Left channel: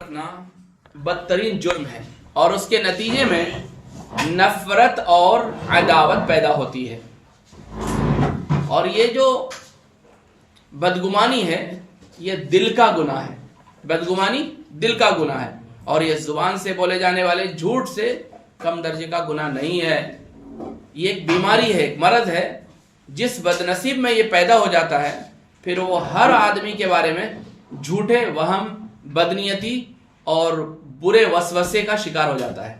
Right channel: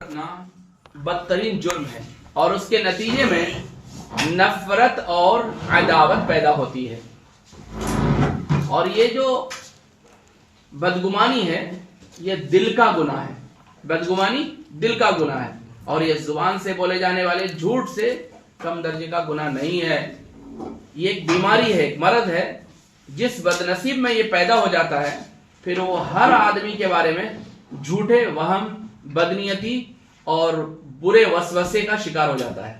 کرنا بدترین جرم ہے اور اس کے نتیجے میں نفرت اور عداوت پیدا ہوتی ہے. اور یہ جو بدگمانی ہے یہ دل کا گناہ ہے. بدگمانی دل کا گناہ ہے اور یہ زبان سے بولے جانے والے جھوٹ سے کم درجے کا گناہ نہیں ہے. یہ ایک بیماری ہے, ایک مرض ہے. جس بدنصیب میں یہ پیدا ہو جاتا ہے پھر وہ ہر آدمی کے بارے میں جھوٹے وہم, بدنیتی اور برے وسوسے کا شکار ہو جاتا ہے.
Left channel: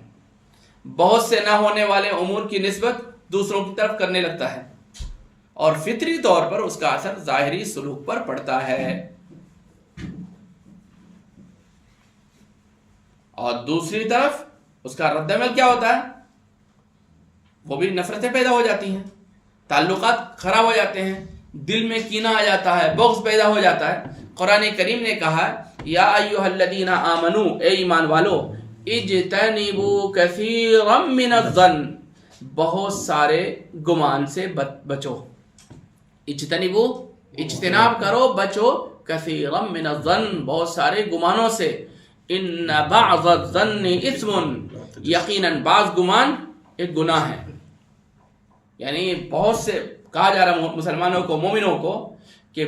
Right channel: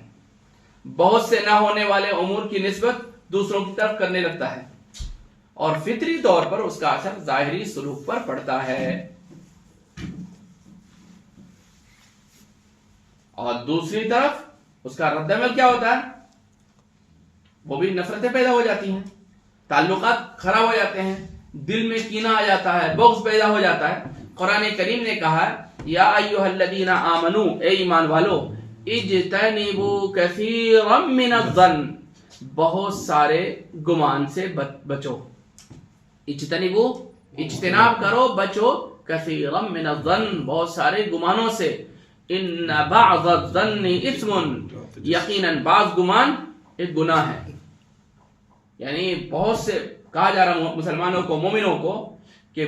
بہت سے نہ ہونے والے امور کی نسبت دوسروں کی طرف کرنے لگتا ہے اور فطری طور پر اس کا اثر ظاہری سلوک پر پڑتا ہے. اور دوسری طرف اس کا رد عمل کیا ہوتا ہے؟ وہ بھی نفرتیں پیدا ہو جاتی ہیں, تعلقات خراب ہو جاتے ہیں, دل میں کینہ آ جاتا ہے, بغض پیدا ہو جاتا ہے. قرآن کریم نے کہا یا ایھا الذین آمنو, اے ایمان والو, اجتنبوا کثیرا من الظن, بہت سارے گمان سے بچو. اجتنبوا, اجتناب کرو, بچو, کثیرا من الظن, بہت سارے گمانوں سے. ان بعض الظن اثم, یقیناً بعض گمان ایک گناہ ہے. یعنی بہت سے کہا جا رہا مسلمانوں کو, مومنوں کو کہ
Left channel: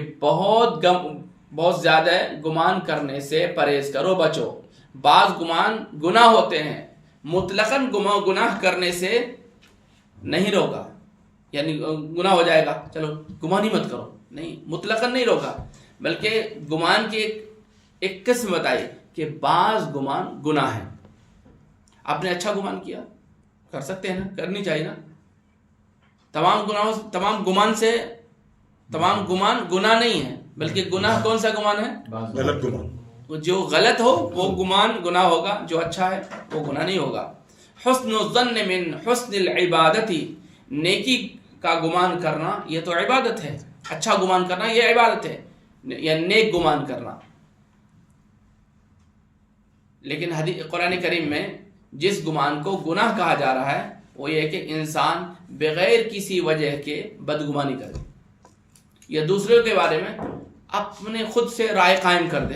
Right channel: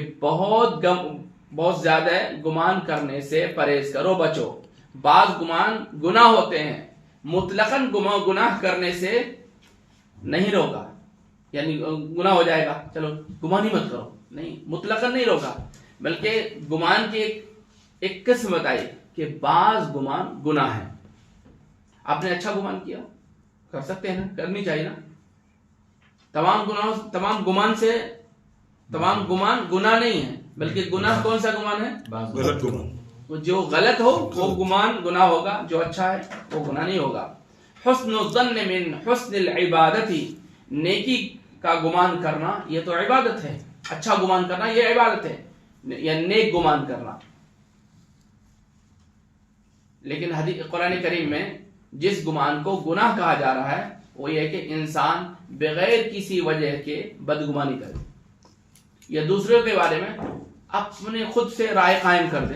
بہت زیادہ گمان کرنے سے پرہیز کرو, بچو. بعض گمان گناہ ہوتے ہیں, مطلقاً گناہ کرنے سے نہیں روکا, یعنی گناہ ہو جائے گا چلو گمان ہی مت کرو, نہیں, مطلقاً نہیں روکا, بلکہ گمان کی ایک قسم بتائی کہ بعض گمان گناہ ہے. آپ نے اچھا گمان کیا, کر سکتے ہیں نا, کرنی چاہیے نا. تمام گمان گناہ نہیں ہے, بلکہ گناہ کون سا گمان ہے؟ غلط گمان. جو غلط ہو وہ گمان گناہ ہوگا, جو اچھا ہے وہ گناہ نہیں ہوگا. حسن الظن من حسن العبادتی, نیکی کا گمان کرنا یہ تو عبادت ہے. اچھا گمان کرنا یہ عبادت ہے, یا نیک گمان کرنا. لیکن قرآن کریم میں جس گمان کو گناہ کہا جا رہا ہے وہ یہ کہ انسان بغیر کسی وجہ کے بدگمانی کرے, یا دوسروں کے بارے میں اپنے خود سے رائے قائم کر دے.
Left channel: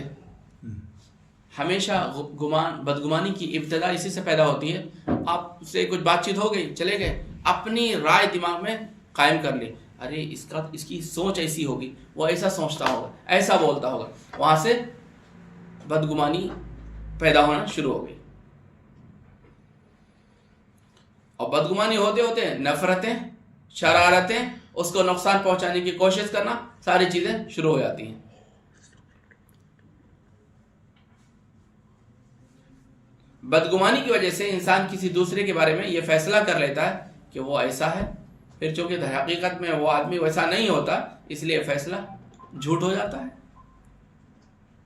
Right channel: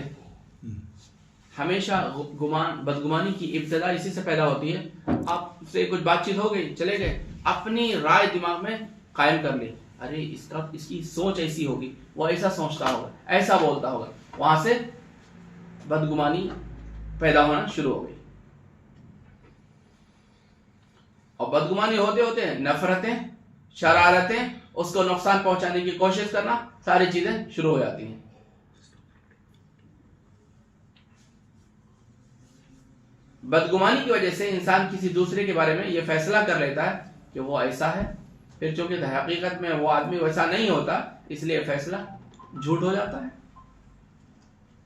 ہمیشہ بدگمانی کی ابتدا اسی سے پیدا ہوتی ہے. آپ سے کچھ بات چیت ہو گئی, چلے گئے, اپنی رائے دماغ میں قائم کر لی, ارے اس کی سوچ ایسی ہوگی, وہ ایسا سوچتا ہوگا, ایسا بولتا ہوگا, وہاں سے بدگمانی پیدا ہونا شروع ہو گئی. اور بدگمانی ہوتے ہوتے نفرتیں, شرارتیں, اس کو نقصان پہنچانے کی کوشش کرنا, ساری چیزیں شروع ہو جاتی ہیں. بدگمانی کی وجہ سے انسان کسی دوسرے کے بارے میں یہ فیصلہ کر لیتا ہے کہ وہ ایسا ہے, پھر چونکہ حقیقت میں وہ آدمی ویسا نہیں ہوتا, اس لیے فیصلہ جھوٹ ہو جاتا ہے.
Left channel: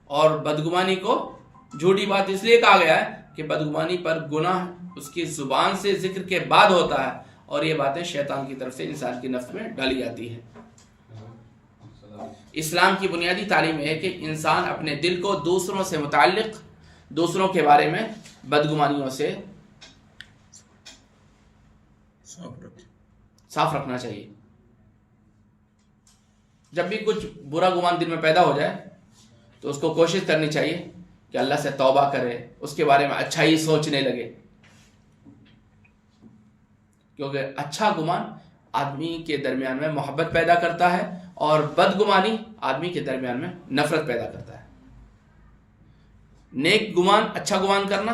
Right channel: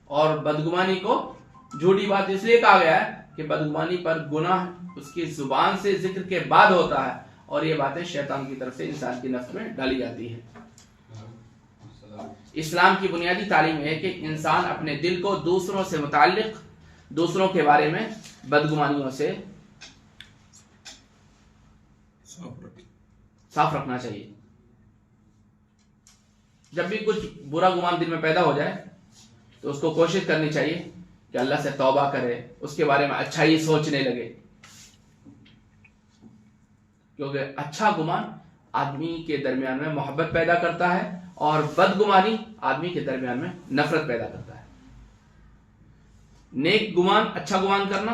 اور بدگمانی کو جھوٹی بات اس لیے کہا گیا ہے کہ بدگمانی پر گناہ اس کی زبان سے ذکر کے بعد ہوتا ہے, اور یہ باتیں شیطان کی طرف سے انسان کی نفس میں ڈالی جاتی ہیں. اسلام کی بنیادی تعلیم ہے کہ انسان اپنے دل کو دوسروں سے متعلق, دوسروں کے بارے میں بدگمانیوں سے صاف رکھنا چاہیے. جب بھی کچھ برا گمان دل میں پیدا ہو جائے تو اس کو کوشش کرنی چاہیے کہ اللہ سے توبہ کرے, اس کے بارے میں اچھائی سوچنے لگے, کیونکہ اچھا گمان آدمی کے درمیان میں محبت پیدا کرتا ہے اور بدگمانی آدمی کے درمیان میں نفرت پیدا کرتا ہے. نیک گمان, اچھا گمان کرنا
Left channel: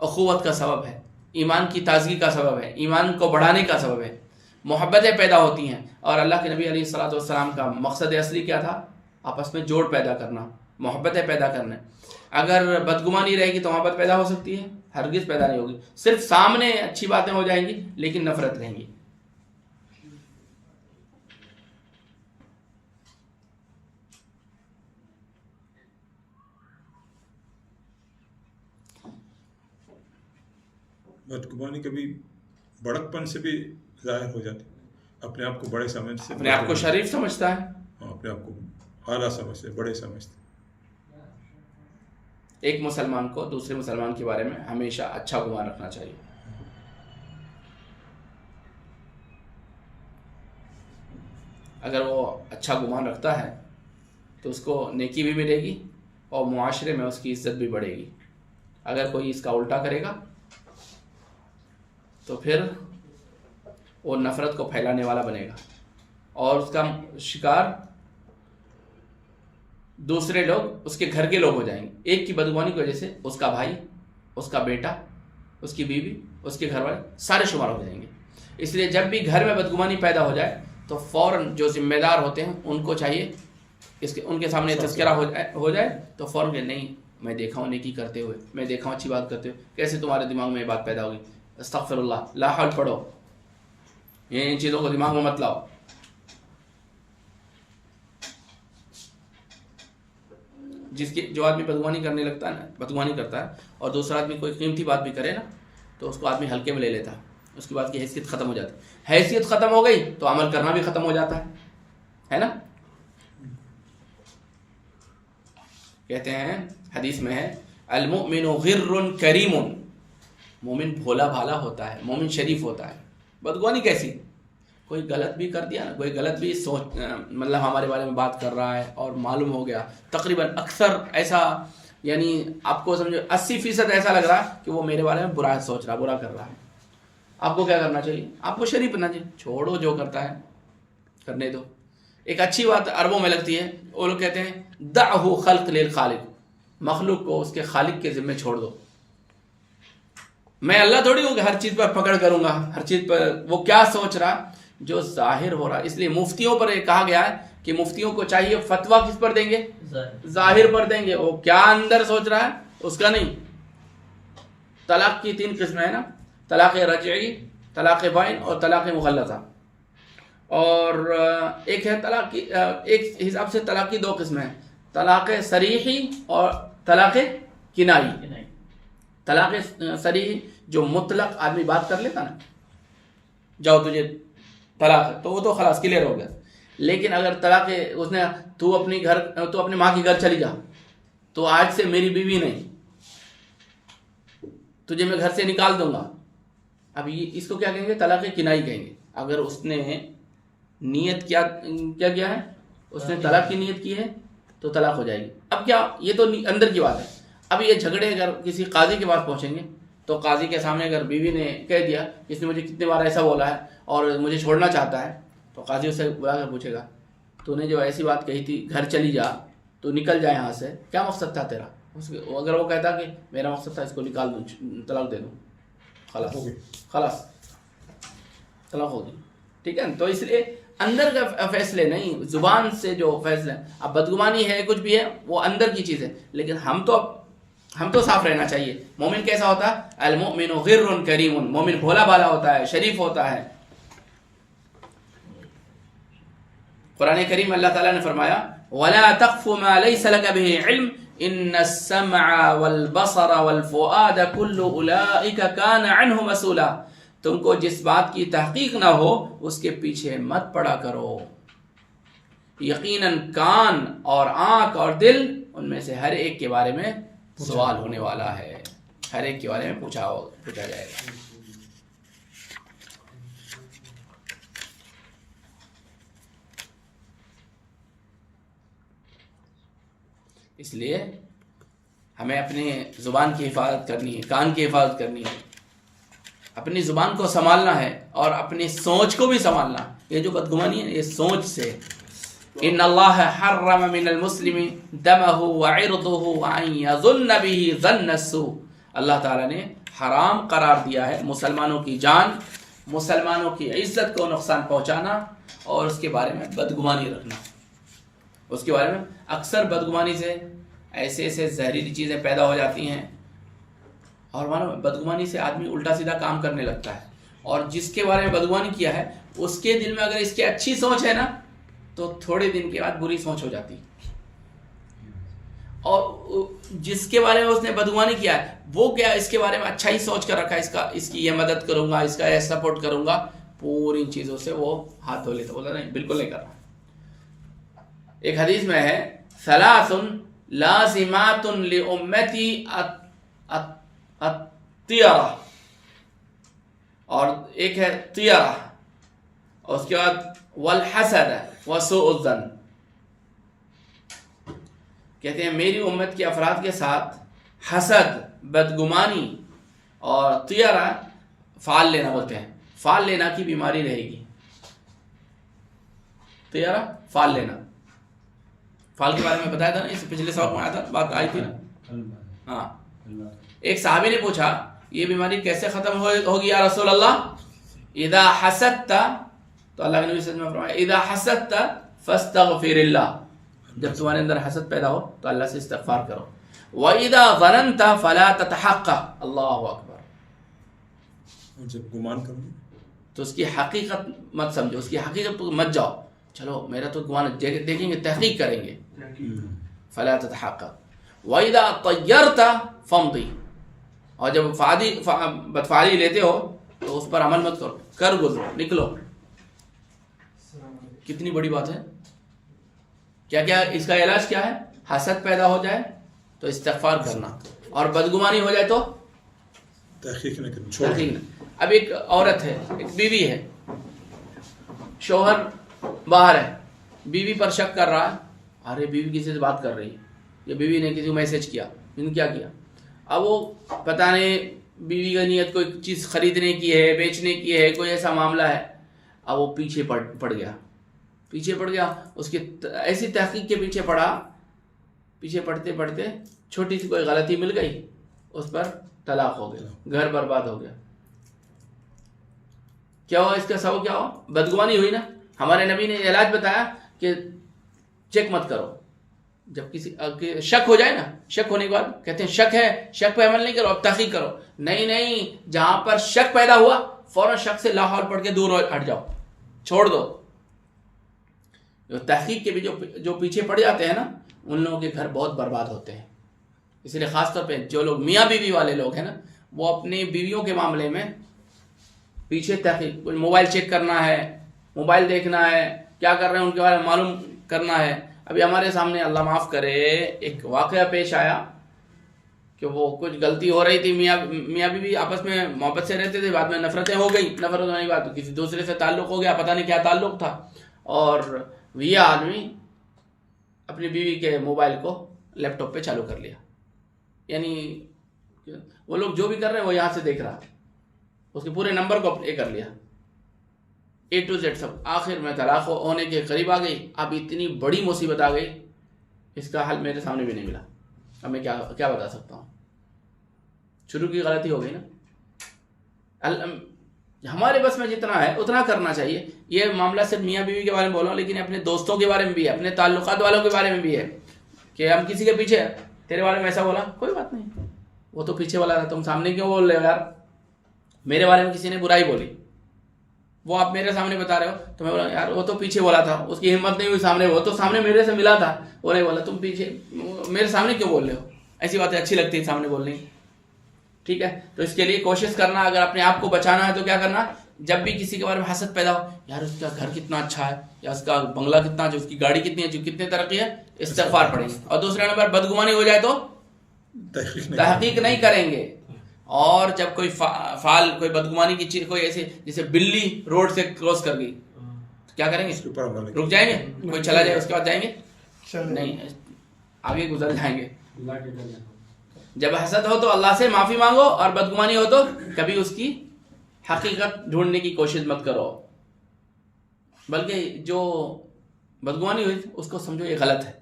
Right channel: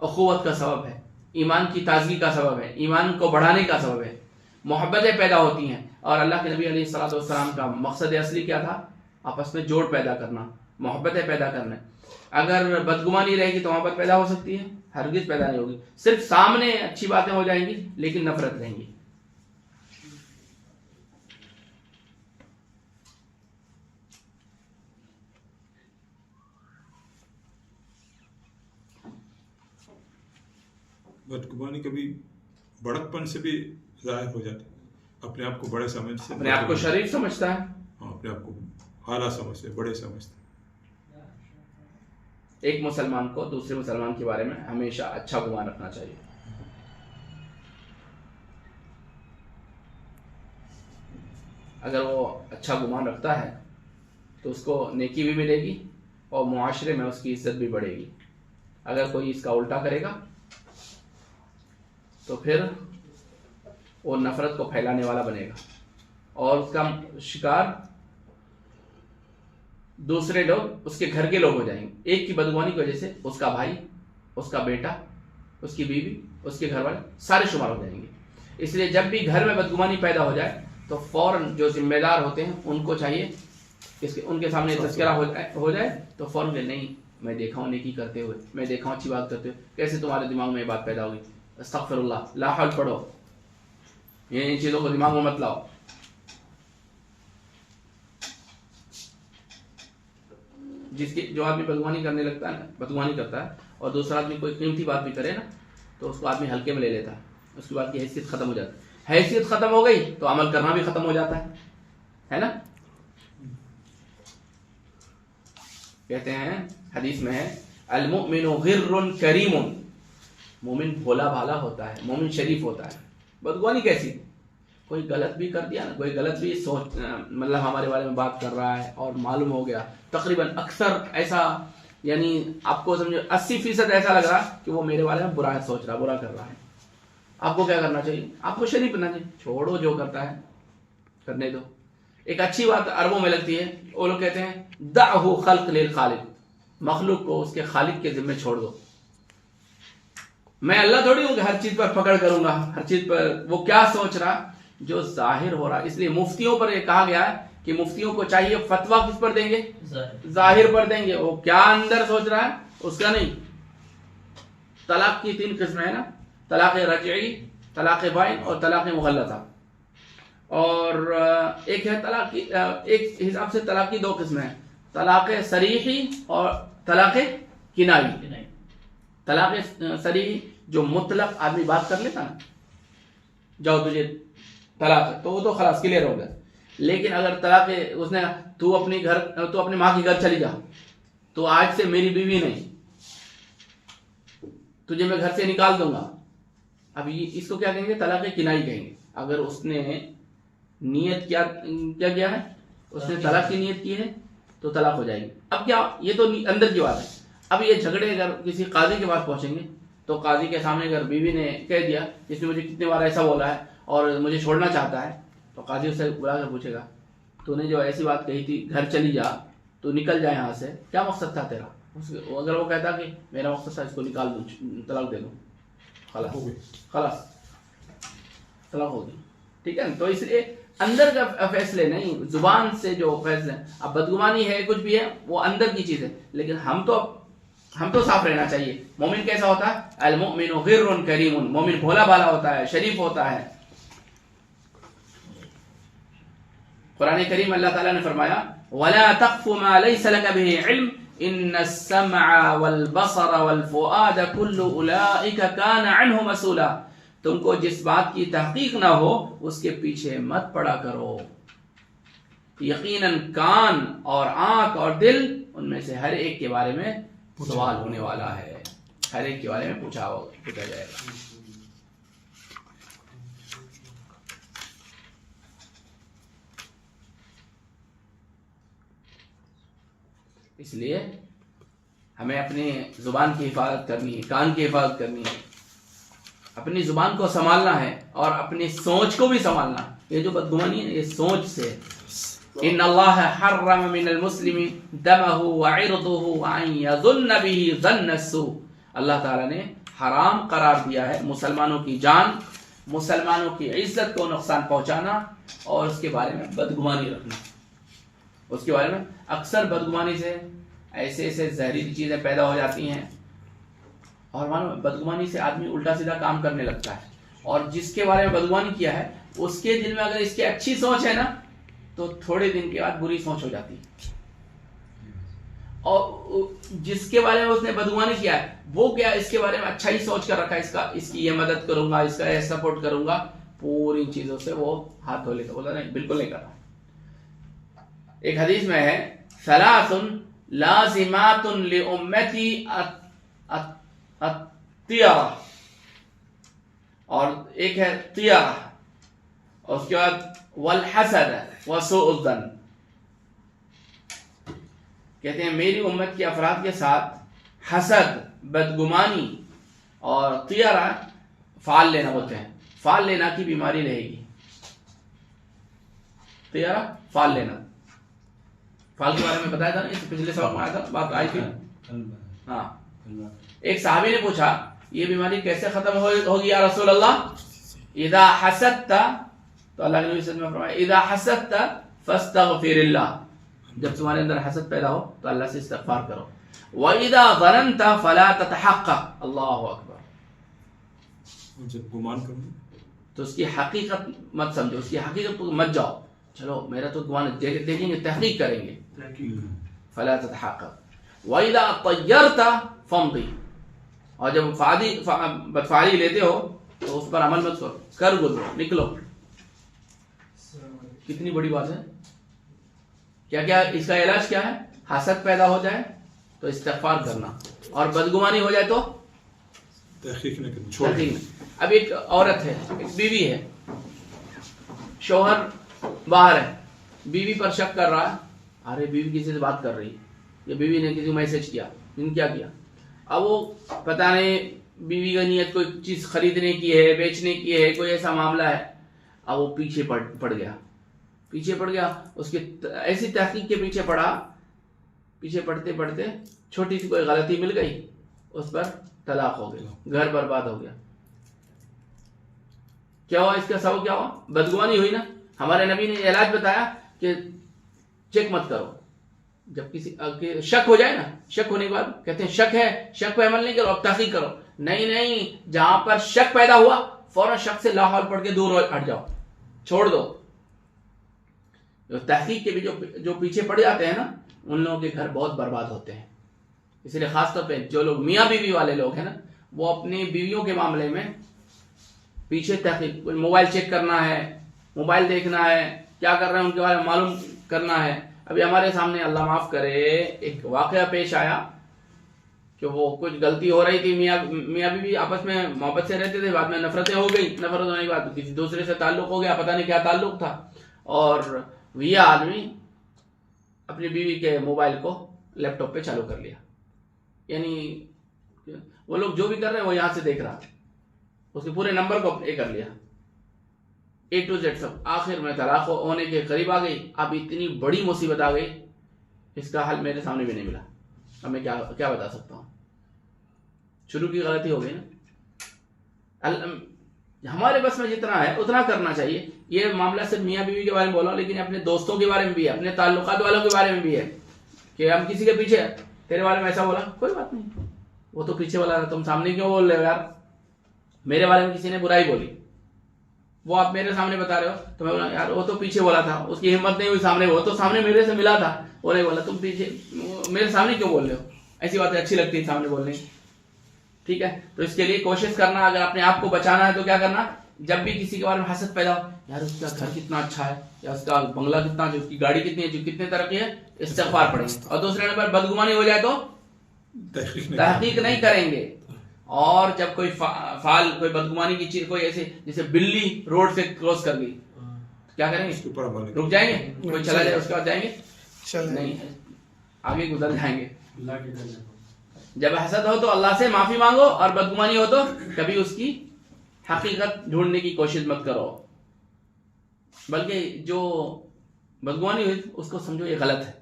اخوت کا سبب ہے, ایمان کی تازگی کا سبب ہے, ایمان کو بڑھانے کا سبب ہے, محبتیں پیدا ہوتی ہیں. اور اللہ کے نبی علیہ الصلوۃ والسلام کا مقصد اصلی کیا تھا؟ آپس میں جوڑ پیدا کرنا, محبتیں پیدا کرنا. اگر بدگمانی رہے گی تو محبت پیدا ہو سکتی ہے؟ ہرگز پیدا نہیں ہوگی. صرف سامنے اچھی باتیں ہو جائیں گی لیکن نفرت رہیں گی. بدگمانی کبھی بڑکپن سے بھی ظاہر ہو جاتی, اپنے آپ کو بڑے سمجھتے, اپنے آپ کو شریف سمجھتا ہے, اپنے آپ کو اعلیٰ سمجھتے, بڑے سمجھتے. ایک مسلمان کو دوسرے مسلمان کے بارے میں ہمیشہ اچھا گمان رکھنا چاہیے. اگر وہ اچھا گمان رکھتا ہے تو اس کو نیکی بھی ملے گی اور معاشرے میں اس کی عزت بھی بڑھے گی. اگر کوئی اس کا الٹا کرے گا تو پھر وہ نفرت کو پھیلانے والا بنے گا اور اس کا شکار دوسرے لوگ، اس کے گھر کے لوگ ہو جائیں گے. ایک کی بدگمانی کی وجہ سے اس کا بھائی، اس کا بیٹا، اس کی بیوی، اس کے گھر والے سارے شمار ہو جائیں گے. اس لیے جب بھی گھر میں بدگمانی پیدا ہو جائے تو فوراً جو ذمہ دار ہوتے ہیں ان کو چاہیے ان کے سامنے تذکرہ ہو جائے تو فوراً کہ نہیں، میں دیکھا ہوں نیکی کرتے ہوئے، میں دیکھا ہوں اچھی بات کرتے ہوئے، کیسے تمہارے دماغ میں یہ بات پیدا ہوگی؟ استغفر اللہ، لا حول پڑھو، یہ ان چیزوں کو دماغ میں مت لاؤ. جو آدمی بدگمانی کرنے لگتا ہے نا، بدگمانی کرتا ہے اور دوسرا آدمی کوئی قیمتی بات بھی کرے نا تو اس کو آدمی ہلکے میں لے لیتا ہے، اس کے بعد کی حیثیت ختم ہو جاتی ہے. حیثیت ختم ہو گئی تو عمل کرنا بھی ختم ہو جاتا ہے نا. کہتے ہیں حدیث میں ہے المؤمن غر کریم، مومن بھولا بھالا ہوتا ہے، مومن شریف ہوتا ہے. بدگمانی کیسی؟ کوئی غلط بھی کر دیا نا، کوئی غلط بھی سوچ مطلب ہمارے بارے میں بات کر رہا ہے اور معلوم ہو گیا، تقریباً اکثر ایسا، یعنی آپ کو سمجھو 80% ایسا لگ رہا کہ وہ میرے بارے میں برا سوچ رہا، برا کر رہا ہے. آپ کو کیا کرنا چاہیے؟ آپ کو شریف بننا چاہیے، چھوڑو جو کرتا ہے کرنے دو. ایک اچھی بات عربوں میں لگتی ہے، وہ لوگ کہتے ہیں دعہ خلق للخالق، مخلوق کو اس کے خالق کے ذمہ چھوڑ دو. میں اللہ تھوڑی ہوں کہ ہر چیز پر پکڑ کروں گا، ہر چیز پر وہ کیا سوچ رہا جو ظاہر ہو رہا. اس لیے مفتیوں پر یہ کہا گیا ہے کہ مفتیوں کو چاہیے فتویٰ کس پر دیں گے؟ ظاہر پر دیں گے. وہ کیا اندر سوچ رہا ہے اس کا نہیں. طلاق کی 3 قسمیں ہیں نا، طلاق رجعی، طلاق بائن اور طلاق مغلظہ. اور ایک ہے طلاق کی، ایک حساب سے طلاق کی 2 قسمیں ہیں، طلاق صریحی اور طلاق کنائی. طلاق صریحی جو مطلق آدمی بات کر لیتا نا، جاؤ تجھے طلاق ہے، تو وہ تو خلاص کلیئر ہو گیا. لیکن اگر طلاق اس نے تو اپنی ماں کے گھر چلی جا، تو آج سے میری بیوی نہیں، تجھے میں گھر سے نکال دوں گا. اب یہ اس کو کیا کہیں گے؟ طلاق کنائی کہیں گے. اگر اس نے نیت کیا کیا ہے، اس نے طلاق کی نیت کی ہے تو طلاق ہو جائے گی. اب کیا، یہ تو اندر کی بات ہے. اب یہ جھگڑے اگر کسی قاضی کے پاس پہنچیں گے تو قاضی کے سامنے اگر بیوی نے کہہ دیا اس نے مجھے کتنے بار ایسا بولا ہے اور مجھے چھوڑنا چاہتا ہے، تو قاضی اسے بلا کر پوچھے گا تو نے جو ایسی بات کہی تھی گھر چلی جا، تو نکل جائے یہاں سے، کیا مقصد تھا تیرا؟ اگر وہ کہتا کہ میرا مقصد تھا اس کو نکال دوں، طلاق دے دوں، خلاص طلاق ہوگی. ٹھیک ہے نا. تو اس لیے اندر کا فیصلے نہیں، زبان سے جو فیصلے. اب بدگمانی ہے کچھ بھی ہے وہ اندر کی چیز ہے، لیکن ہم تو صاف رہنا چاہیے. مومن کیسا ہوتا ہے؟ المؤمن غر کریم، مومن بھولا بھالا ہوتا ہے، شریف ہوتا ہے. قرآن کریم اللہ تعالیٰ نے فرمایا وَلَا تَقْفُ مَا لَيْسَ لَكَ بِهِ عِلْمٍ إِنَّ السَّمْعَ وَالْبَصَرَ وَالْفُؤَادَ كُلُّ أُولَئِكَ كَانَ عَنْهُ مَسْئُولًا. تم کو جس بات کی تحقیق نہ ہو اس کے پیچھے مت پڑا کرو. یقیناً کان اور آنکھ اور دل، ان میں سے ہر ایک کے بارے میں سوال ہونے والا ہے، ہر ایک کے بارے میں پوچھا جائے گا. اس لیے ہمیں اپنی زبان کی حفاظت کرنی ہے، کان کی حفاظت کرنی ہے، اپنی زبان کو سنبھالنا ہے اور اپنی سوچ کو بھی سنبھالنا. یہ جو بدگمانی ہے یہ سوچ سے. ان اللہ حرم من المسلم دمه وعرضه وان يظن به ظن السوء. اللہ تعالیٰ نے حرام قرار دیا ہے مسلمانوں کی جان، مسلمانوں کی عزت کو نقصان پہنچانا اور اس کے بارے میں بدگمانی رکھنا. اس کے بارے میں اکثر بدگمانی سے ایسے زہریلی چیزیں پیدا ہو جاتی ہیں، اور معلوم بدگمانی سے آدمی الٹا سیدھا کام کرنے لگتا ہے. اور جس کے بارے میں بدگمانی کیا ہے اس کے دل میں اگر اس کی اچھی سوچ ہے نا تو تھوڑے دن کے بعد بری سوچ ہو جاتی. اور جس کے بارے میں اس نے بدگمانی کیا ہے وہ کیا اس کے بارے میں اچھا ہی سوچ کر رکھا ہے، اس کی یہ مدد کروں گا، اس کا یہ سپورٹ کروں گا، پوری چیزوں سے وہ ہاتھ دھو لیتا، بولتا نہیں بالکل نہیں کر رہا. ایک حدیث میں ہے ثلاث لازمات لامتی الطیرہ، اور ایک ہے طیرہ، اور اس کے بعد والحسد وسوء الظن. کہتے ہیں میری امت کے افراد کے ساتھ حسد، بدگمانی اور طیرہ فال لینا بولتے ہیں. فال لینا کی بیماری رہے گی. طیرہ فال لینا، فال کے بارے میں بتایا تھا نا، اس پچھلے سبق میں آیا تھا، بات آئی تھی. ہاں، ایک صحابی نے پوچھا یہ بیماری کیسے ختم ہوگی یا رسول اللہ؟ اذا حسدت، تو اللہ کے نبی صلی اللہ علیہ وسلم نے فرمایا اذا حسدت فاستغفر اللہ، جب تمہارے اندر حسد پیدا ہو تو اللہ سے استغفار کرو. وَإِذَا ظَنَنْتَ فَلَا تَتَحَقَّقْ، اللہ اکبر. اور جب گمان کروں تو اس کی حقیقت مت سمجھو، اس کی حقیقت مت جاؤ، چلو میرا تو گمان دیکھیں گے، تحقیق کریں گے. فَلَا تَتَحَقَّقْ وَإِذَا طَيَّرْتَ فَامْضِ، اور جب بدفعلی لیتے ہو تو اس پر عمل مت کرو، کر گزرو، نکلو. کتنی بڑی بات ہے. کیا کیا اس کا علاج کیا ہے؟ حسد پیدا ہو جائے تو استغفار کرنا، اور بدگمانی ہو جائے تو تحقیق نہ کریں، چھوڑ دیں. اب ایک عورت ہے، ایک بیوی ہے، شوہر باہر ہے، بیوی پر شک کر رہا ہے، ارے بیوی کسی سے بات کر رہی ہے، یا بیوی نے کسی کو میسج کیا، کیا کیا. اب وہ پتہ نہیں بیوی کا نیت کوئی چیز خریدنے کی ہے، بیچنے کی ہے، کوئی ایسا معاملہ ہے. اب وہ پیچھے پڑ گیا، اس کی ایسی تحقیق کے پیچھے پڑا، پیچھے پڑتے پڑتے چھوٹی سی کوئی غلطی مل گئی، اس پر طلاق ہو گیا، گھر برباد ہو گیا. کیا ہوا؟ اس کا سبب کیا ہوا؟ بدگمانی ہوئی نا. ہمارے نبی نے علاج بتایا کہ چیک مت کرو. جب کسی شک ہو جائے نا، شک ہونے کے بعد کہتے ہیں شک ہے، شک پہ عمل نہیں کرو، اب تحقیق کرو. نہیں، جہاں پر شک پیدا ہوا فوراً شک سے لا حول پڑھ کے دور ہٹ جاؤ، چھوڑ دو. جو تحقیق کے بھی جو پیچھے پڑ جاتے ہیں نا، ان لوگوں کے گھر بہت برباد ہوتے ہیں. اس لیے خاص طور پہ جو لوگ میاں بیوی والے لوگ ہیں نا، وہ اپنی بیویوں کے معاملے میں پیچھے تحقیق، کوئی موبائل چیک کرنا ہے، موبائل دیکھنا ہے، کیا کر رہے ہیں ان کے بارے میں معلوم کرنا ہے. ابھی ہمارے سامنے اللہ معاف کرے ایک واقعہ پیش آیا کہ وہ کچھ غلطی ہو رہی تھی، میاں بیوی آپس میں محبت سے رہتے تھے، بعد میں نفرتیں ہو گئی، نفرت ہونے کے بعد کسی دوسرے سے تعلق ہو گیا، پتہ نہیں کیا تعلق تھا، اور یہ آدمی اپنی بیوی کے موبائل کو لیپ ٹاپ پہ چالو کر لیا. یعنی وہ لوگ جو بھی کر رہے ہیں وہ یہاں سے دیکھ رہا، اس کے پورے نمبر کو کر لیا، A to Z سب. آخر میں طلاق ہونے کے قریب آ گئی. اب اتنی بڑی مصیبت آ گئی، اس کا حل میرے سامنے بھی نہیں ملا. اب میں کیا بتا سکتا ہوں. شروع کی غلطی ہو گئی نا. ہمارے بس میں جتنا ہے اتنا کرنا چاہیے. یہ معاملہ صرف میاں بیوی کے بارے میں بول رہا ہوں، لیکن اپنے دوستوں کے بارے میں بھی ہے، اپنے تعلقات والوں کے بارے میں بھی ہے. کہ ہم کسی کے پیچھے تیرے بارے میں ایسا بولا، کوئی بات نہیں، وہ تو پیچھے والا تھا، تم سامنے کیوں بول رہے ہو یار. میرے بارے میں کسی نے برائی بولی، وہ آپ میرے سامنے بتا رہے ہو، تو میں بولا یار وہ تو پیچھے بولا تھا، اس کی ہمت نہیں ہوئی سامنے، وہ تو سامنے میرے سے ملا تھا، وہ نہیں بولا، تم پیچھے میرے سامنے کیوں بول رہے ہو. ایسی باتیں اچھی لگتی ہیں سامنے بولنے. ٹھیک ہے، تو اس کے لیے کوشش کرنا، اگر اپنے آپ کو بچانا ہے تو کیا کرنا، جب بھی کسی کے بارے میں حسد پیدا ہو، یار اس کا گھر کتنا اچھا ہے، یا اس کا بنگلہ کتنا اچھا، اس کی گاڑی کتنی ہے، جو کتنے ترقی ہے، استغفار پڑھیں گے. اور دوسرے نمبر بدگمانی ہو جائے تو تحقیق نہیں کریں گے. اور جب کوئی فعال، کوئی بدگمانی کی چیز، کوئی ایسے جیسے بلی روڈ سے کراس کر گئی، کیا کریں گے؟ رک جائیں گے؟ کوئی چلا جائے اس کے بعد جائیں گے؟ نہیں، آگے گزر جائیں گے. جب حسد ہو تو اللہ سے معافی مانگو، اور بدگمانی ہو تو کبھی اس کی حقیقت ڈھونڈنے کی کوشش مت کرو، بلکہ جو بدگمانی ہوئی اس کو سمجھو یہ غلط ہے،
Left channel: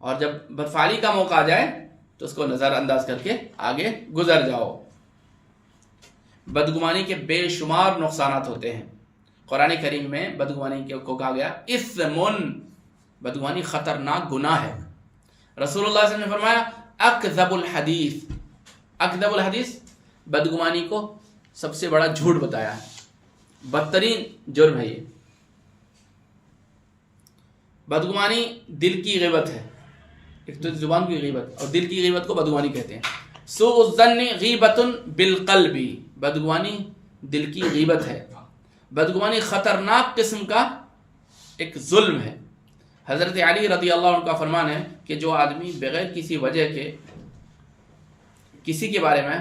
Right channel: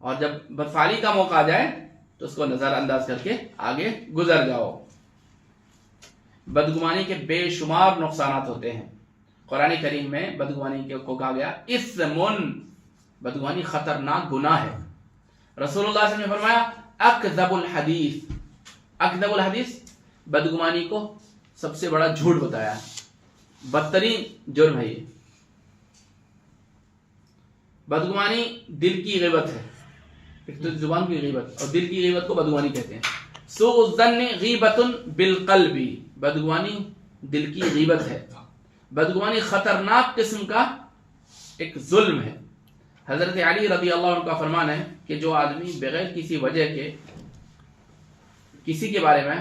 اور جب بدفعلی کا موقع آ جائے تو اس کو نظر انداز کر کے آگے گزر جاؤ. بدگمانی کے بے شمار نقصانات ہوتے ہیں. قرآن کریم میں بدگمانی کو کہا گیا اثمن، بدگمانی خطرناک گناہ ہے. رسول اللہ صلی اللہ علیہ وسلم نے فرمایا اکذب الحدیث، اکذب الحدیث، بدگمانی کو سب سے بڑا جھوٹ بتایا ہے، بدترین جرم ہے یہ. بدگمانی دل کی غیبت ہے، ایک تو زبان کی غیبت، اور دل کی غیبت کو بدگمانی کہتے ہیں. سوء الظن غیبت بالقلب، بدگمانی دل کی غیبت ہے. بدگمانی خطرناک قسم کا ایک ظلم ہے. حضرت علی رضی اللہ عنہ کا فرمان ہے کہ جو آدمی بغیر کسی وجہ کے کسی کے بارے میں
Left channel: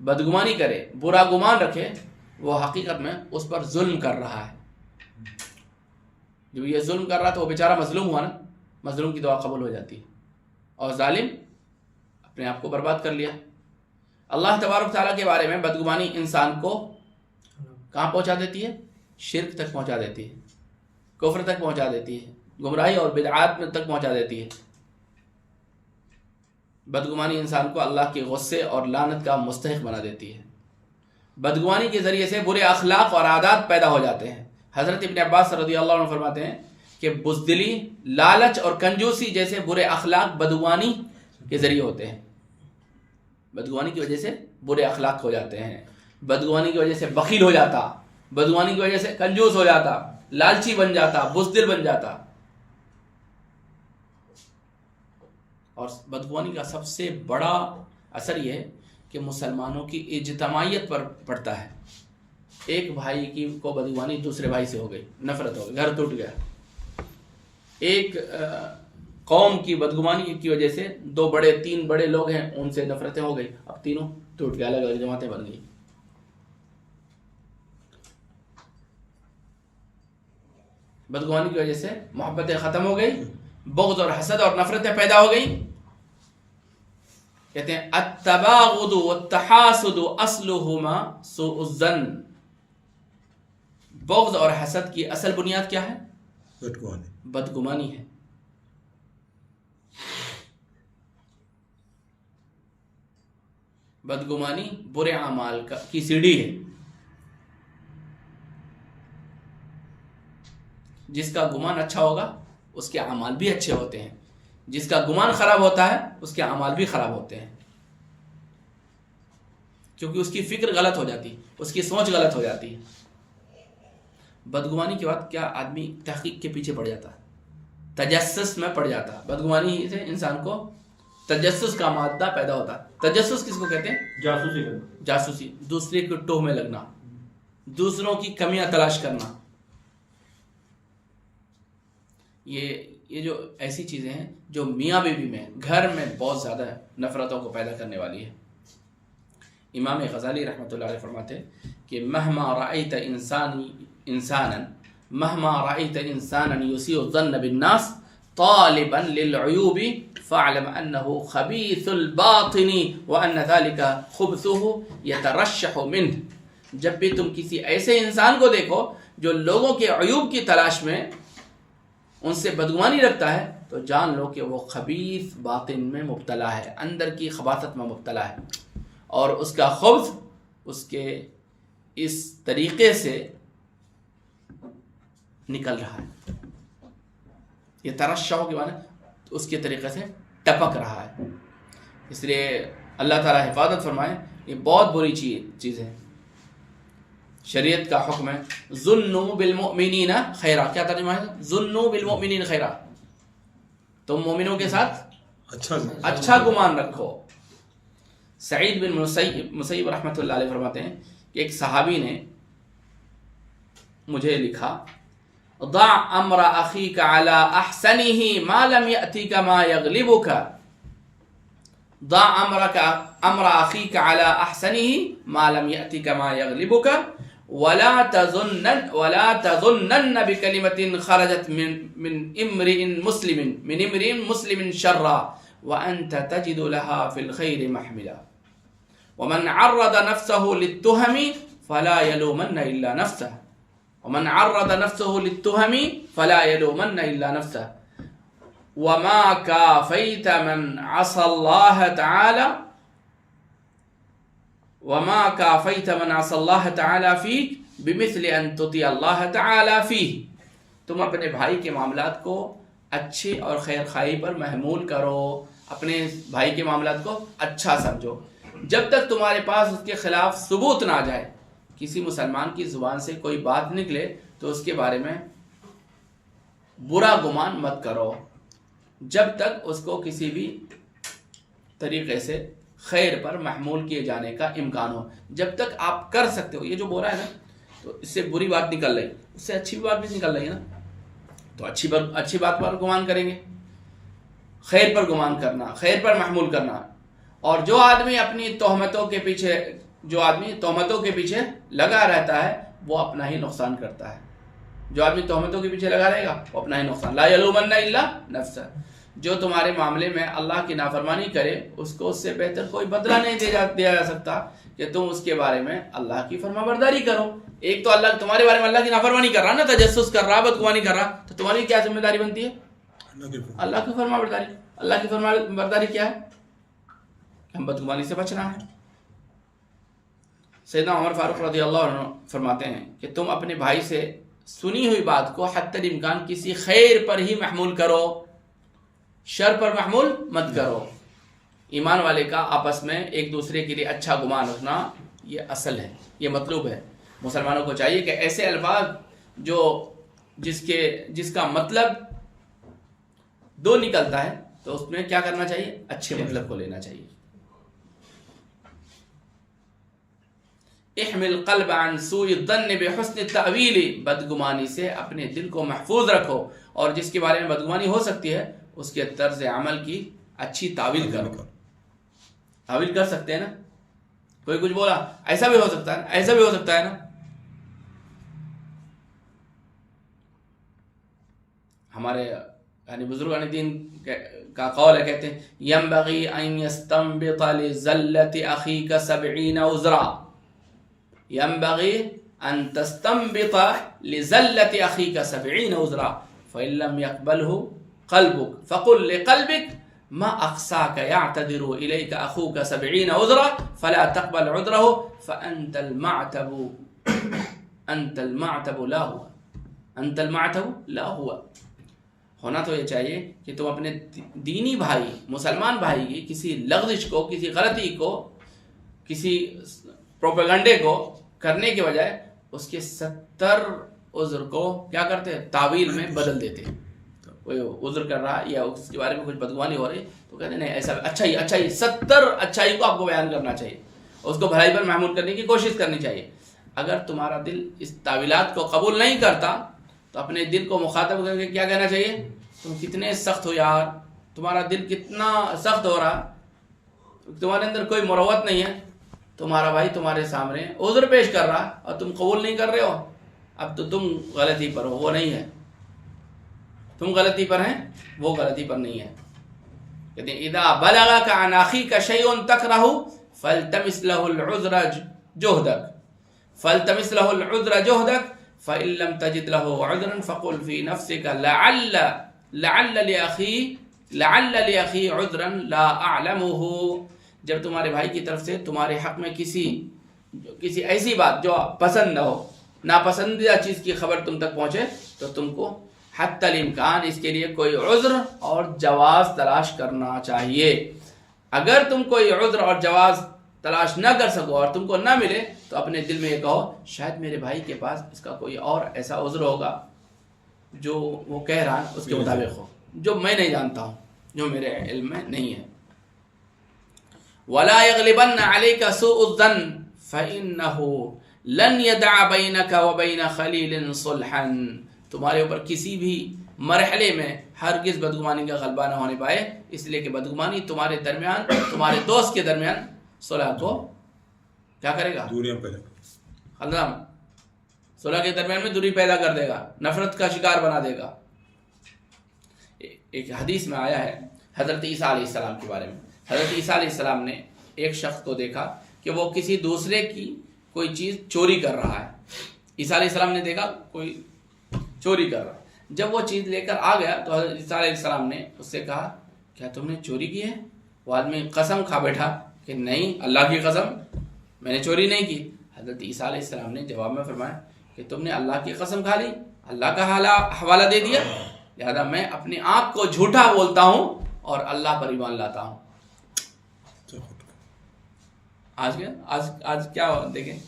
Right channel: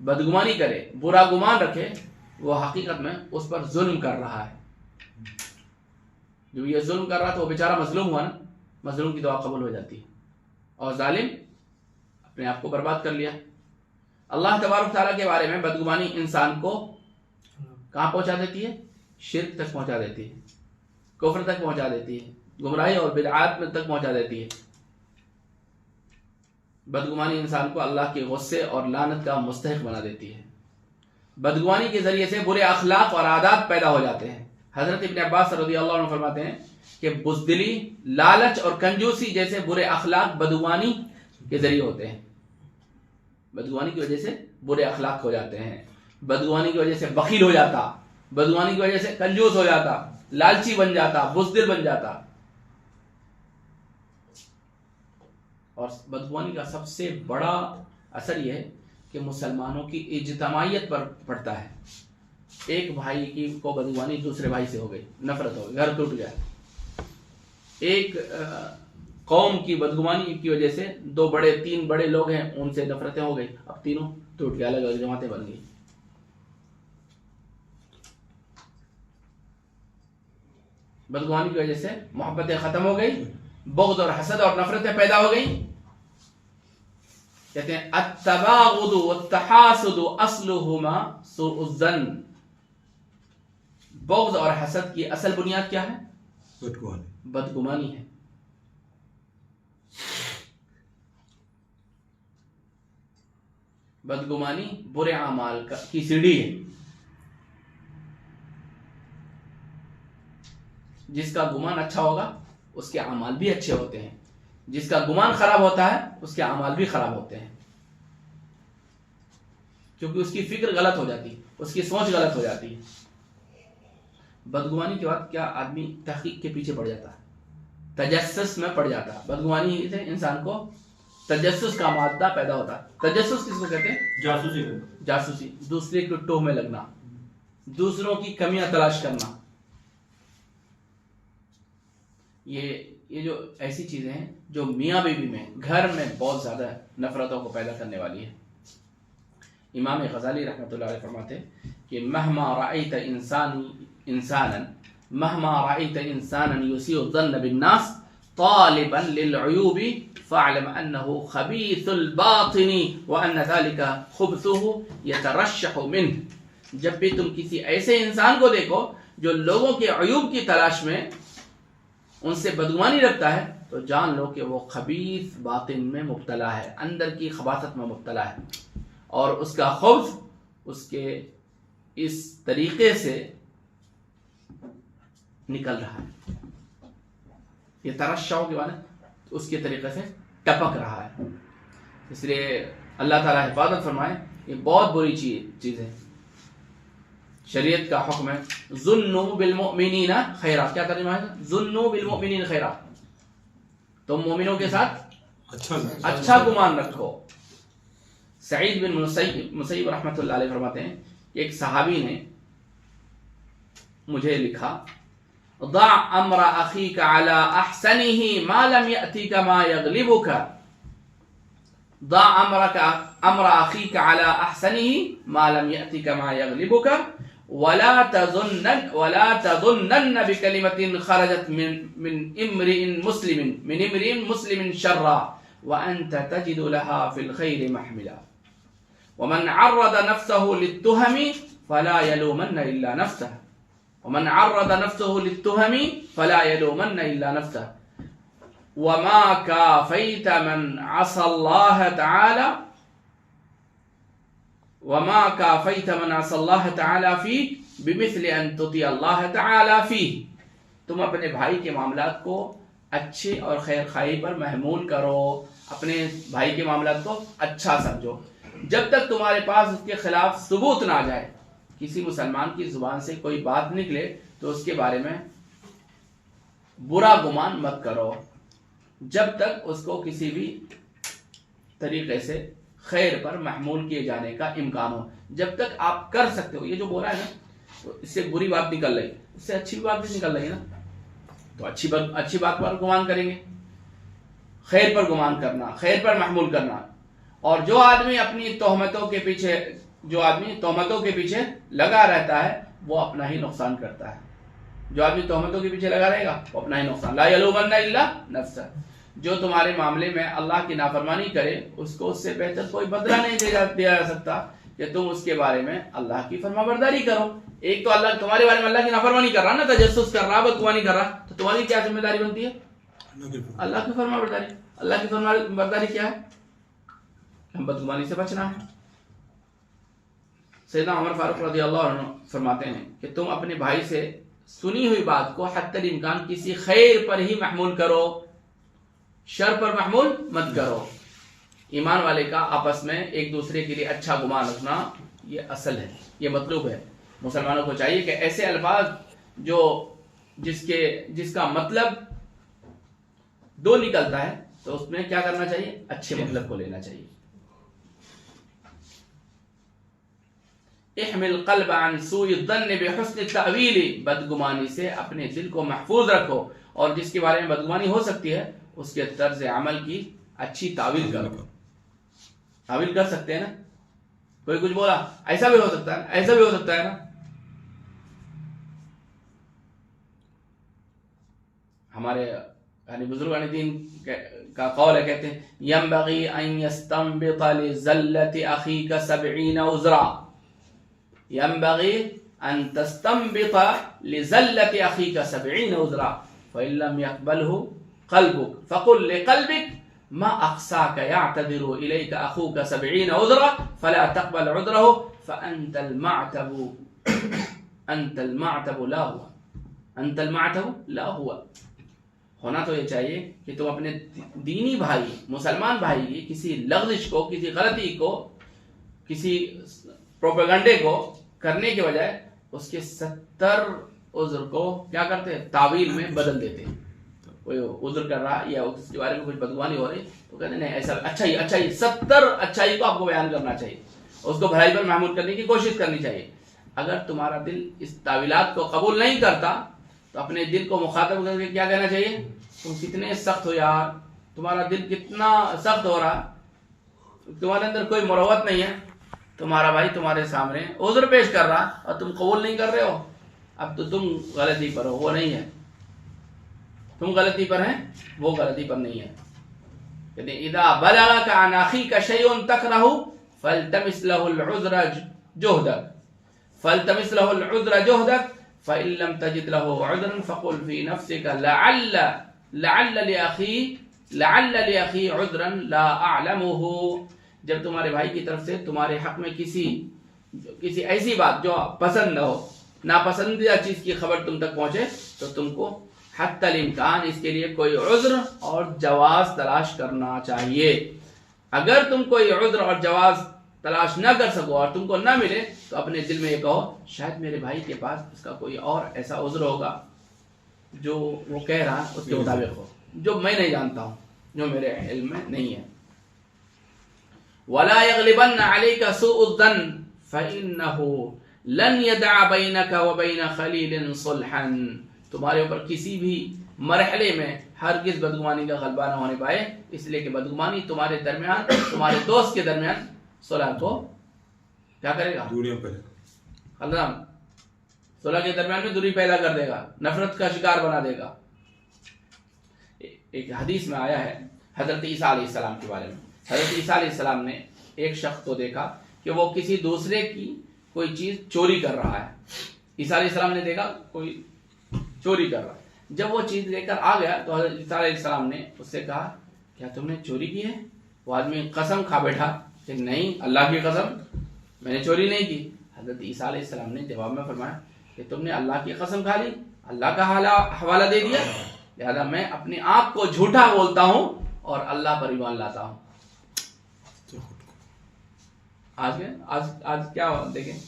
بدگمانی کرے، برا گمان رکھے، وہ حقیقت میں اس پر ظلم کر رہا ہے. جو یہ ظلم کر رہا تھا وہ بیچارہ مظلوم ہوا نا، مظلوم کی دعا قبول ہو جاتی ہے، اور ظالم اپنے آپ کو برباد کر لیا۔ اللہ تبارک تعالیٰ کے بارے میں بدگمانی انسان کو کہاں پہنچا دیتی ہے؟ شرک تک پہنچا دیتی ہے، کفر تک پہنچا دیتی ہے، گمراہی اور بدعات میں تک پہنچا دیتی ہے۔ بدگمانی انسان کو اللہ کے غصے اور لعنت کا مستحق بنا دیتی ہے۔ بدگمانی کے ذریعے سے برے اخلاق اور عادات پیدا ہو جاتے ہیں۔ حضرت ابن عباس رضی اللہ عنہ فرماتے ہیں کہ بزدلی، لالچ اور کنجوسی جیسے برے اخلاق بدگمانی کے ذریعے ہوتے ہیں۔ بدگمانی کی وجہ سے برے اخلاق ہو جاتے ہیں، بدگمانی کی وجہ سے بخیل ہو جاتا، بدگمانی کی وجہ سے کنجوس ہو جاتا، لالچی بن جاتا، بزدل بن جاتا۔ اور بدگمانی کا سب سے بڑا اثر یہ ہے کہ مسلمانوں کی اجتماعیت پر پڑتا ہے۔ ایک بھائی کی کو بدگمانی دوسرے بھائی سے ہو گئی، نفرت ہو گئی، گھر ٹوٹ گیا۔ ایک قوم کی بدگمانی کی وجہ سے تین بڑے لوگ ہیں، ان سے نفرتیں ہو گئی، اب تینوں ٹوٹ گئے، الگ الگ جماعتیں بن گئی۔ بدگمانی کی وجہ سے محبتیں ختم ہو گئی، بغض اور حسد اور نفرتیں پیدا ہو گئی۔ کہتے ہیں التباغض والتحاسد اصلهما سوء الظن۔ بغض اور حسد کی اصل بنیاد کیا ہے؟ بدگمانی ہے۔ بدگمانی برے اعمال کی سیڑھی ہے۔ جس کا گمان اچھا ہوگا اس کے اعمال بھی اچھے ہوتے ہیں، جس کا گمان خراب ہوتا ہے اس کے اعمال بھی خراب ہوتے ہیں، کیونکہ اس کی فکر غلط ہو جاتی ہے، اس کی سوچ غلط ہو جاتی ہے۔ بدگمانی کے بعد کیا آدمی تحقیق کے پیچھے پڑ جاتا ہے، تجسس میں پڑ جاتا ہے۔ بدگمانی سے انسان کو تجسس کا مادہ پیدا ہوتا ہے۔ تجسس کس کو کہتے ہیں؟ جاسوسی، دوسرے کے ٹوہ میں لگنا، دوسروں کی کمیاں تلاش کرنا۔ یہ جو ایسی چیزیں ہیں جو میاں بیوی میں، گھر میں بہت زیادہ نفرتوں کو پیدا کرنے والی ہے۔ امام غزالی رحمۃ اللہ علیہ فرماتے ہیں کہ مہما رأیت انسانا یسیء الظن بالناس طالبا للعیوب فاعلم انه خبیث الباطن وان ذلك خبثه يترشح منه۔ جب بھی تم کسی ایسے انسان کو دیکھو جو لوگوں کے عیوب کی تلاش میں ان سے بدگمانی رکھتا ہے، تو جان لو کہ وہ خبیث باطن میں مبتلا ہے، اندر کی خباثت میں مبتلا ہے، اور اس کا خبث اس کے اس طریقے سے نکل رہا ہے۔ یہ ترشح کے معنی اس کے طریقے سے ٹپک رہا ہے۔ اس لیے اللہ تعالیٰ حفاظت فرمائے، یہ بہت بری چیز ہے۔ شریعت کا حکم ہے ظنوا بالمؤمنین خیرا۔ کیا ترجمہ ہے؟ ظنوا بالمؤمنین خیرا، تم مومنوں کے ساتھ اچھا گمان رکھو۔ سعید بن مسیب رحمۃ اللہ علیہ فرماتے ہیں کہ ایک صحابی نے مجھے لکھا ضع امر اخیک علی احسنہ ما لم یأتیک ما یغلبک۔ ضع امر اخیک علی احسنہ ما لم یأتیک ما یغلبک ولا تظنن بكلمة خرجت من امرئ مسلم شرا وأنت تجد لها في الخير محملا ومن عرض نفسه للتهم فلا يلومن إلا نفسه ومن عرض نفسه للتهم فلا يلومن إلا نفسه وما كافيت من عصى الله تعالى وما كافيت من عصى الله تعالى فيك بمثل أن تطيع الله تعالى فيه۔ تم اپنے بھائی کے معاملات کو اچھے اور خیر خواہی پر محمول کرو، اپنے بھائی کے معاملات کو اچھا سمجھو جب تک تمہارے پاس اس کے خلاف ثبوت نہ آ جائے۔ کسی مسلمان کی زبان سے کوئی بات نکلے تو اس کے بارے میں برا گمان مت کرو جب تک اس کو کسی بھی طریقے سے خیر پر محمول کیے جانے کا امکان ہو۔ جب تک آپ کر سکتے ہو، یہ جو بول رہا ہے نا، تو اس سے بری بات نکل رہی، اس سے اچھی بات بھی نکل رہی ہے نا، تو اچھی بات پر گمان کریں گے، خیر پر گمان کرنا، خیر پر محمول کرنا۔ اور جو آدمی تہمتوں کے پیچھے لگا رہتا ہے وہ اپنا ہی نقصان کرتا ہے۔ جو آدمی تہمتوں کے پیچھے لگا رہے گا وہ اپنا ہی نقصان، لا یلومن الا نفسہ۔ جو تمہارے معاملے میں اللہ کی نافرمانی کرے اس کو اس سے بہتر کوئی بدلہ نہیں دیا جا سکتا کہ تم اس کے بارے میں اللہ کی فرما برداری کرو. ایک تو اللہ تمہارے بارے میں اللہ کی نافرمانی کر رہا نا، تجسس کر رہا، بدگمانی کر رہا، تو تمہاری کیا ذمہ داری بنتی ہے؟ اللہ کی فرما برداری. اللہ کی فرما برداری کیا ہے؟ ہم بدگمانی سے بچنا ہے. سیدنا عمر فاروق رضی اللہ عنہ فرماتے ہیں کہ تم اپنے بھائی سے سنی ہوئی بات کو حتی الامکان کسی خیر پر ہی محمول کرو، شر پر محمول مت کرو. ایمان والے کا آپس میں ایک دوسرے کے لیے اچھا گمان رکھنا یہ اصل ہے، یہ مطلوب ہے. مسلمانوں کو چاہیے کہ ایسے الفاظ جس کا مطلب دو نکلتا ہے تو اس میں کیا کرنا چاہیے؟ اچھے مطلب کو لینا چاہیے. احمل قلب عن سوء الظن بحسن التأویل، بدگمانی سے اپنے دل کو محفوظ رکھو اور جس کے بارے میں بدگمانی ہو سکتی ہے اس کے طرز عمل کی اچھی تعویل کرو. تعویل کر سکتے ہیں نا، کوئی کچھ بولا ایسا بھی ہو سکتا ہے، ایسا بھی ہو سکتا ہے نا. ہمارے یعنی بزرگان دین کا قول ہے، کہتے ہیں ينبغي ان يستنبط لزلة اخيك 70 عذرا. ينبغي ان تستنبط لزلة اخيك 70 عذرا فإن لم يقبله قلبك فقل لقلبك ما اقصاك يعتذر اليك اخوك 70 عذرا فلا تقبل عذره فانت المعتب لا هو انت المعتب لا هو. ہونا تو یہ چاہیے کہ تم اپنے دینی بھائی، مسلمان بھائی کی کسی لغزش کو، کسی غلطی کو، کسی پروپیگنڈے کو کرنے کے بجائے اس کے 70 عذر کو کیا کرتے ہیں؟ تعویل میں بدل دیتے ہیں. کوئی عذر کر رہا یا اس کے بارے میں کچھ بدگمانی ہو رہی تو کہتے ہیں نہیں ایسا اچھائی 70 اچھائی کو آپ کو بیان کرنا چاہیے، اس کو بھلائی پر محمول کرنے کی کوشش کرنی چاہیے. اگر تمہارا دل اس تعویلات کو قبول نہیں کرتا تو اپنے دل کو مخاطب کر کے کیا کہنا چاہیے؟ تم کتنے سخت ہو یار، تمہارا دل کتنا سخت ہو رہا، تمہارے اندر کوئی مروت نہیں ہے، تمہارا بھائی تمہارے سامنے عذر پیش کر رہا اور تم قبول نہیں کر رہے ہو. اب تو تم غلطی پر ہو، وہ نہیں ہے. تم غلطی پر ہیں، وہ غلطی پر نہیں ہے. کہتے ہیں اذا بلغك عن اخيك شيء تكره فالتمس له العذر جهدك فإن لم تجد له عذرا فقل في نفسك لعل لأخي عذرا لا أعلمه. جب تمہارے بھائی کی طرف سے تمہارے حق میں کسی ایسی بات جو پسند نہ ہو، ناپسندیدہ چیز کی خبر تم تک پہنچے تو تم کو حتی الامکان اس کے لیے کوئی عذر اور جواز تلاش کرنا چاہیے. اگر تم کوئی عذر اور جواز تلاش نہ کر سکو اور تم کو نہ ملے تو اپنے دل میں یہ کہو شاید میرے بھائی کے پاس اس کا کوئی اور ایسا عذر ہوگا جو وہ کہہ رہا ہے اس کے مطابق ہو، جو میں نہیں جانتا ہوں، جو میرے علم میں نہیں ہے. وَلَا يَغْلِبَنَّ عَلَيْكَ سُوءُ الظَّنِّ فَإِنَّهُ لَنْ يَدَعَ بَيْنَكَ وَبَيْنَ خَلِيلٍ صُلْحًا. تمہارے اوپر کسی بھی مرحلے میں ہرگز بدگمانی کا غلبہ نہ ہونے پائے، اس لیے کہ بدگمانی تمہارے درمیان، تمہارے دوست کے درمیان صلح کو کیا کرے گا؟ دوریاں پیدا خلدام صلح کے درمیان میں دوری پیدا کر دے گا، نفرت کا شکار بنا دے گا. ایک حدیث میں آیا ہے حضرت عیسیٰ علیہ السلام کے بارے میں. حضرت عیسیٰ علیہ السلام نے ایک شخص کو دیکھا کہ وہ کسی دوسرے کی کوئی چیز چوری کر رہا ہے. عیسیٰ علیہ السلام نے دیکھا کوئی چوری کر رہا ہے. جب وہ چیز لے کر آ گیا تو حضرت عیسیٰ علیہ السلام نے اس سے کہا کیا تم نے چوری کی ہے؟ وہ آدمی قسم کھا بیٹھا کہ نہیں، اللہ کی قسم میں نے چوری نہیں کی. حضرت عیسیٰ علیہ السلام نے جواب میں فرمایا کہ تم نے اللہ کی قسم کھا لی، اللہ کا حوالہ دے دیا، لہذا میں اپنی آنکھ کو جھوٹا بولتا ہوں اور اللہ پر ایمان لاتا ہوں. آج کیا دیکھیں،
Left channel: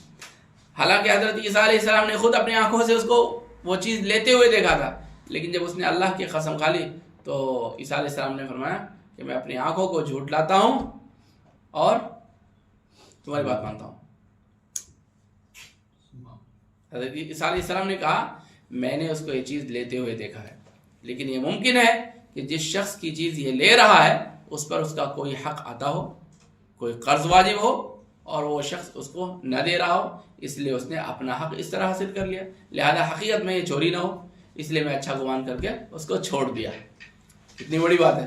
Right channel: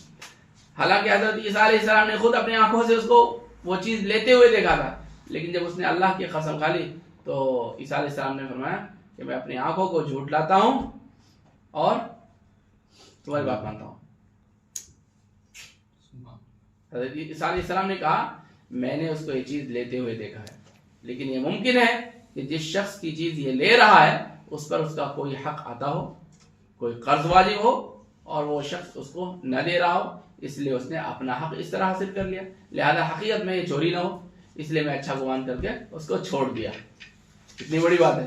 حالانکہ حضرت عیسیٰ علیہ السلام نے خود اپنی آنکھوں سے اس کو وہ چیز لیتے ہوئے دیکھا تھا، لیکن جب اس نے اللہ کی قسم کھا لی تو عیسیٰ علیہ السلام نے فرمایا کہ میں اپنی آنکھوں کو جھوٹ لاتا ہوں اور تمہاری بات مانتا ہوں. حضرت عیسیٰ علیہ السلام نے کہا میں نے اس کو یہ چیز لیتے ہوئے دیکھا ہے، لیکن یہ ممکن ہے کہ جس شخص کی چیز یہ لے رہا ہے اس پر اس کا کوئی حق آتا ہو، کوئی قرض واجب ہو اور وہ شخص اس کو نہ دے رہا ہو، اس لیے اس نے اپنا حق اس طرح حاصل کر لیا، لہذا حقیقت میں یہ چوری نہ ہو، اس لیے میں اچھا گمان کر کے اس کو چھوڑ دیا. کتنی بڑی بات ہے.